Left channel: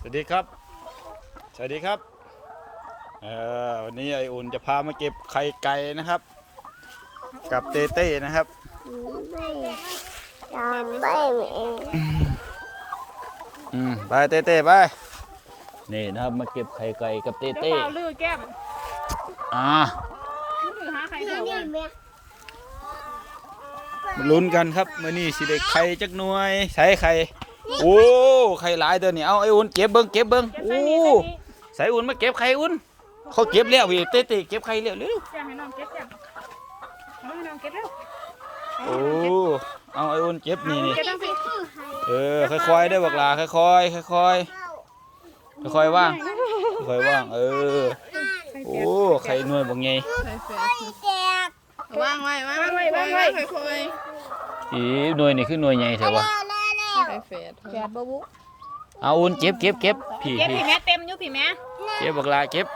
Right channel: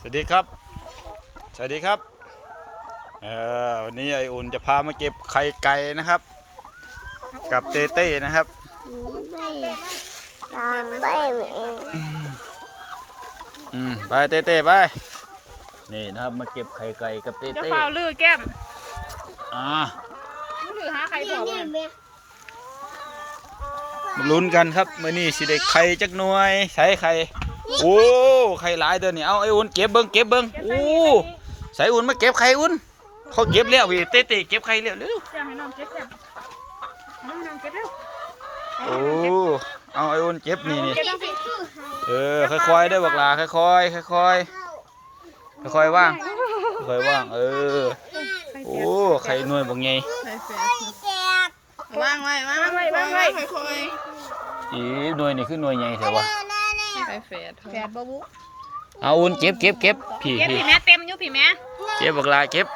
สวัสดีครับ สวัสดีครับ เอ่อวันนี้ไออุ่นจะพามาเก็บไข่ไก่นะครับ กับเต้เต้นะครับ ไม่ตามไม่เองอืมไปเต้เต้ไป นี่นะครับมาเก็บไข่ไก่กับเต้เจ้าเต้เปล่าลือแก้มอ่าลือหาใครเนี่ต่ยอเนี่ยบ้างแม่มาลุ้นกันครับมื่อนี้สิได้ไข่จักหน่วยใส่ไข่ โอ้ไข่หลายเด้อนี่เอาไออุ่นเก็บเบิ้งเก็บเบิ้งโอ้ใส่อุ่นมาเก็บไข่อุ่นเขาเก็บแล้วพี่เต้เต้เก็บไข่แล้วเร็วแก้มให้น้องเก็บแก้มเอาให้น้องเก็บเร็วโอ้เอาไออุ่นเก็บนี่นี่เก็บตั้งสิคือใครเออค่อยๆเด้อบักหลาค่อยๆค่อยๆเข้าค่อยๆว่างค่อยๆว่างเออโอ้ไข่หน่วยบ่ไงไม่แตกวางไว้วางวางไว้วางไว้ค่อยอีหน่วยนี่คือหน่วยใหญ่แท้วะเร็ วเร็วๆไปแฝดแปดบ่บุเอาอุ่นเก็บเก็บเก็บพี่เก็บพี่พี่แม่เต็มอยู่พี่แม่เก็บบักหลาเก็บ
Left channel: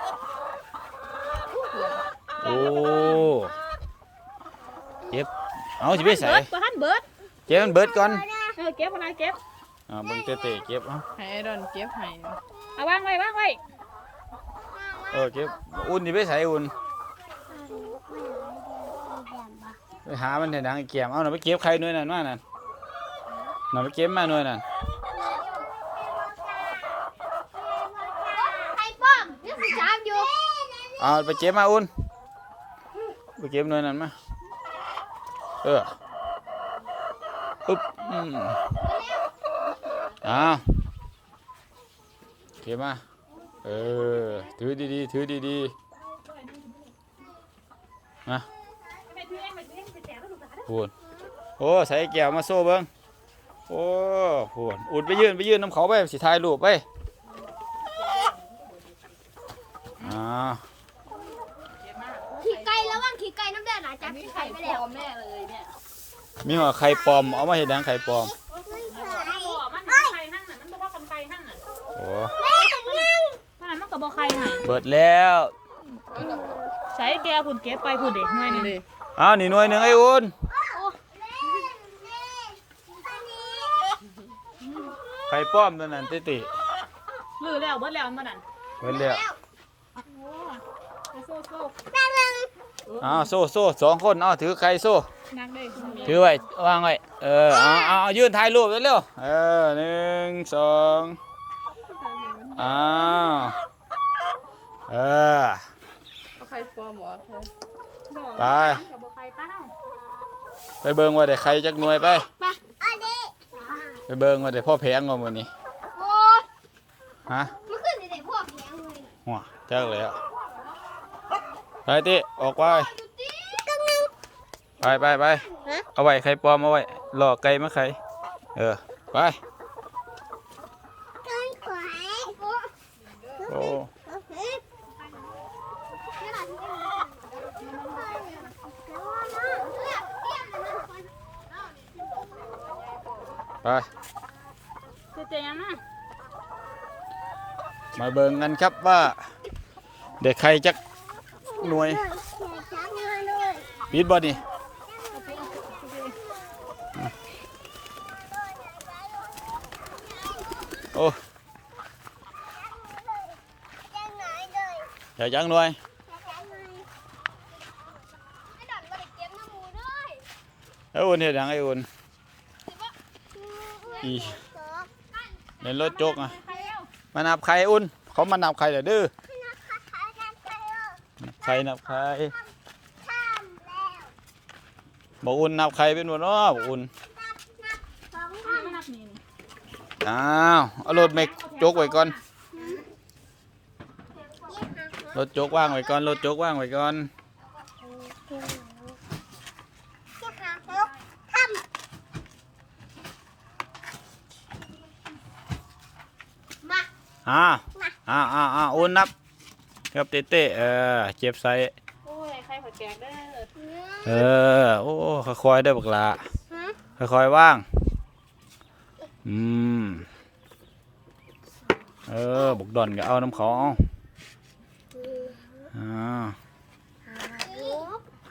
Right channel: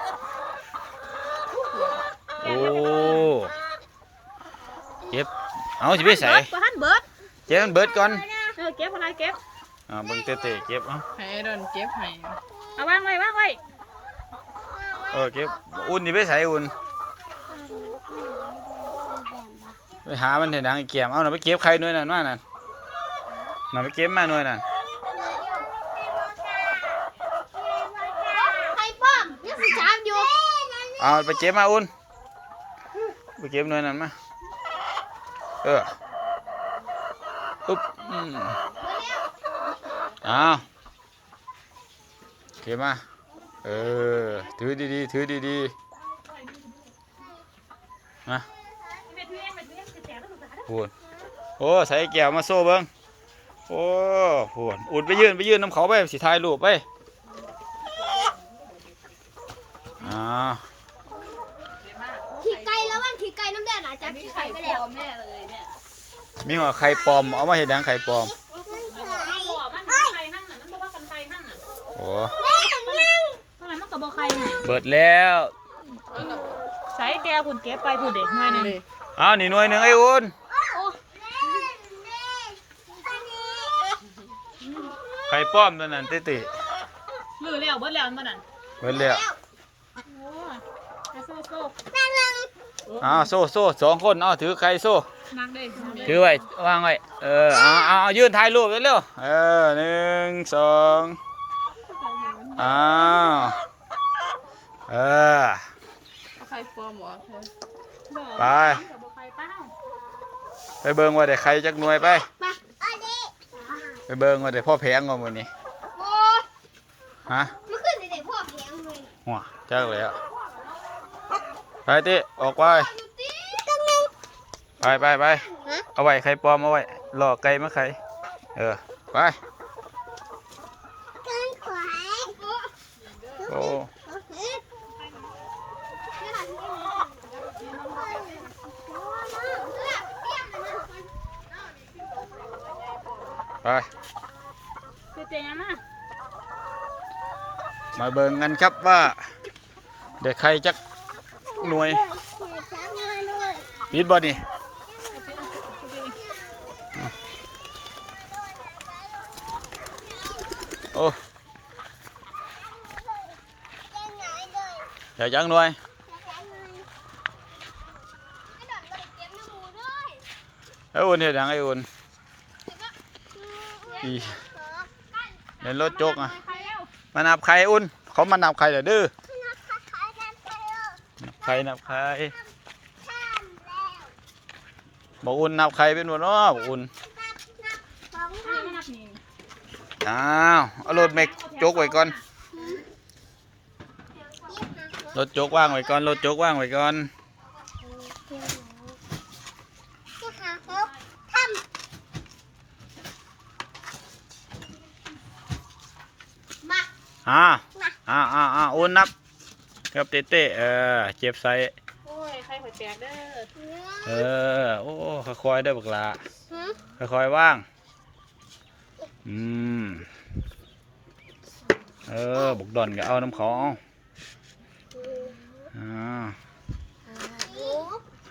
โอ้เก็บเอาสิไปใส่เบิดตัวหันเบิดเก็บมันเบิดก่อนเออเก็บอะไรเก็บ อ่าเบิ่งเตะๆเก็บเอาให้ดอนเก็บให้เอาวางไว้วางไว้เออเก็บอุ่นสิไปใส่อุ่นไปหามันเถอะดังไอ้เกียมเอาหน่ะไปเก็บไข่หน่วยนั่นมานั่น น่ะไปเก็บมาหน่วยนั่นใครป้อมยังสิจามอยู่เอาไปเก็บมาอุ่นไปเก็บหน่วยนั่นมาเออปุ๊บอืมเอาเก็บมาเออถือดีๆถือดีๆมาพูนโอ้ใส่แก้วมาโซ่เบิ้ง โอ้พูนอุดไปยืนไปยืนน้ำเขาไปสิถ่ายรูปไปอ่าขี่ไก่แล้วว่างขี่ไก่น้ำเดือดหลายจับขี่ไก่ไปแล้วแม่เลยเนี่ยมีหัวไข่ปลอมเอามาเห็ดหยังไข่ปลอมมันไข่หั่นน่ะมันบ่ว่ากันไข่หั่นน่ะโอ้เพราะนั้นมันก็บ่ไข่ให้เบิดแล้วใส่แต่คุณเก็บไปผู้เด็กหน่อยหนึงเอานี่หน่วยหนึ่งไอ้อุ่น ไข่ปลอมตัวนั้นติติลือแล้วเบิดแล้วอันบ่นั่นเบิดแล้วโอ้ไปโซ่โซ่เอาโซ่โซ่สองคนเอาถือไข่โซ่นักเลยถือไว้วางไว้เออเอาเอาเอายืนถ่ายรูปเร็วๆเออหนึ่งสองอ้าวเออเอาใครฟอร์มหมอเธอไปก็บ่ไข่ตั้งไปเบิ่งว่าได้ไข่จักหน่วยไป ไปอันนี้ไป เบิ่งว่าได้พ่อแพงกว่ามื้อนี้โอ้ฮะมันขึ้นในพวกแข็งเลยหัวจักเลยอะไปติออกไปดูตีกันนึงไปไปไปเอาไว้ไข่ปลอมเอาไว้หลอกไก่มาไข่เออไป กันขวาย โอ้ ไปคือเจียงนะมาเบิ่งกันครับว่า เด็กไข่จักหน่วยยิดบ่นี่โอ้เดี๋ยวจังหน่วยไอ้อุ่นเฮ็ดหยังไอ้อุ่น อีเล่นรถจกอะมานับไข่อุ่น เขามานับไข่เดี๋ยวดื้อนับไข่นับไข่บอกอุ่นนับไข่เป็นวันเนาะบอกอุ่นอ้าวเอารถเมกจกไว้ก่อนรถจกว่างไว้ก่อนรถจกว่างไว้ก่อน อ่าอ่าอ่าอ่าอุ่นนับ ครับเต้เต้เออเจ็บใส่โอ้ยไข่หอยแตกเด้อเออ โอ้ค่อยๆได้อบักหลาค่อยๆว่าง อืม เออบุกดอนก็เอาน้ำเขาเอาอ่า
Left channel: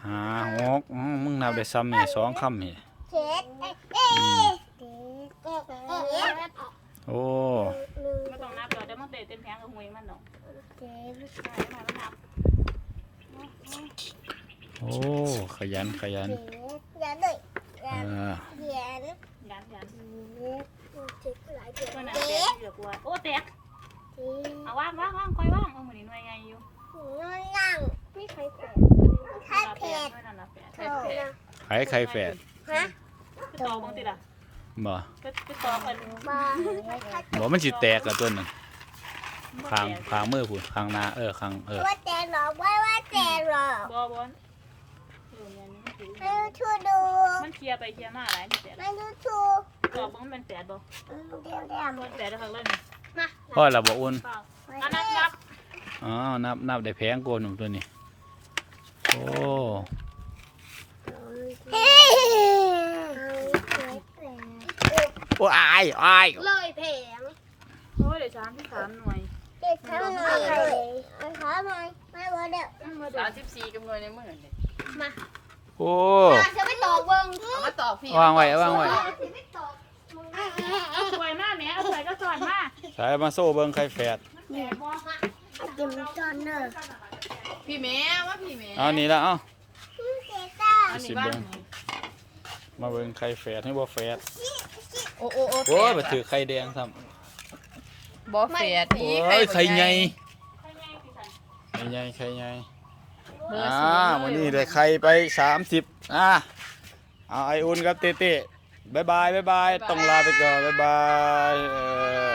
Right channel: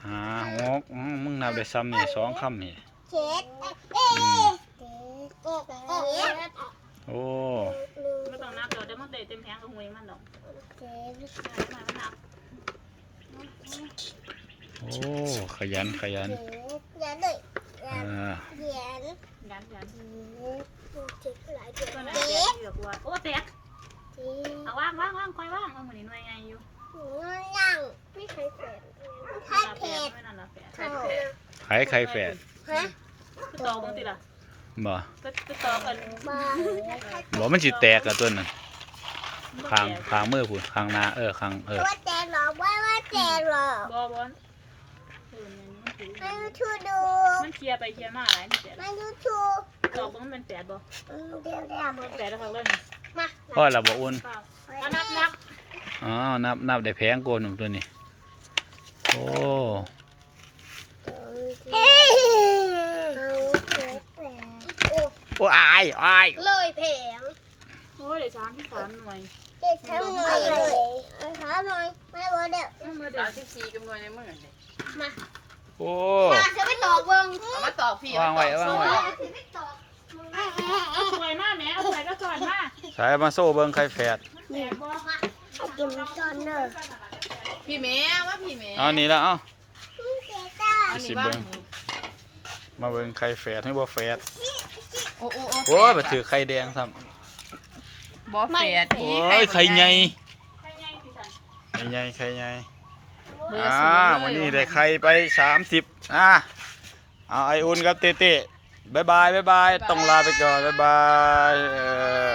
หาหกอืมมึงนับได้ซ้ำนี่สองคำนี่เจ็ดเอ๊ะเอ๊ะโอ้ ไม่ต้องนับ นับ เดี๋ยวเดี๋ยวมันเตะเต็มแผงกับหวยมันดอกเจ็บได้ไหมมันนับโอ้ ขยันขยันเจ็บอย่าเลยอย่าอ่าเหยียนยันยันเจ็บหลายเจ็บเพื่อนเจ็น่ะบเตะเยอะกว่าโอ้แตกเจ็บเอาว่างว่างว่างคอยว่างเอาเหมือนหน่วยไงอยู่นั่งไม่เคยเจ็บถ้าลาเผ็แปดดไม่นั่นละแปดเท่านะไข่ไข่แฝดฮะคือตอกบางทีล่ะบ่คือคือตอกกันบ้าบ่มันสิแตกกับตัวนั้น ข้างข้างมือพุ่นข้างหน้าเออข้างเออว่าแจหรอกว่าว่าแจหรอกบอบอลเออเนี่ยนี่มันถือไม่รู้ชูดูมันเคลียร์ไปเคลียร์มาหลายนี่แปดไม่รู้ชูตอกมันเป็นแปดบ่เดี๋ยวเดี๋ยวบอลแปดแล้วครั้งเล่นมาพ่อเราบ่อุ่นเปล่าอะนับนับอ๋อนับนับได้แพงโกนหนุ่มตัวนี้โอ้เฮ้ยโอ้อายอายเลยแผงโอ้ยเดี๋ยวสามที่สามหน่วย เด็กทำหน่อยเลยเอาขาหน่อยไม่ว่าเดี๋ยวเอามาเดี๋ยสาวมสิบสี่กับหน่วยในมือนี่โอ้มาจะไม่ตอกเบิ้งเอามาตอบพี่วางไว้วางไว้ไม่ตอกเอาสวยมากแม่เอาสวยก็สวยมากใส่มาโซ่เบิ่งไข่แฝดแปดบ่กินจนเนอะพี่แม่ว่าพี่แม่เอานี่ละเอาเจ๊ต้าอันสินี้เบิ่ว่างมาเบิ่งไข่แฝดให้บ่แฝดโอ้โอ้โอ้โอ้ยบ่ถือไข่แดงซ้ำ บ่แฝดโอ้ยไข่ใหญ่ใครไงสิสันไข่ใหญ่ไข่ใหญ่เบอร์อ่าศูนย์วันนี้ได้ไข่ไป30อ่าเอาไออุ่นกับเต้เต้บายบายบายบายต้องลาไปก่อนบายบายเออ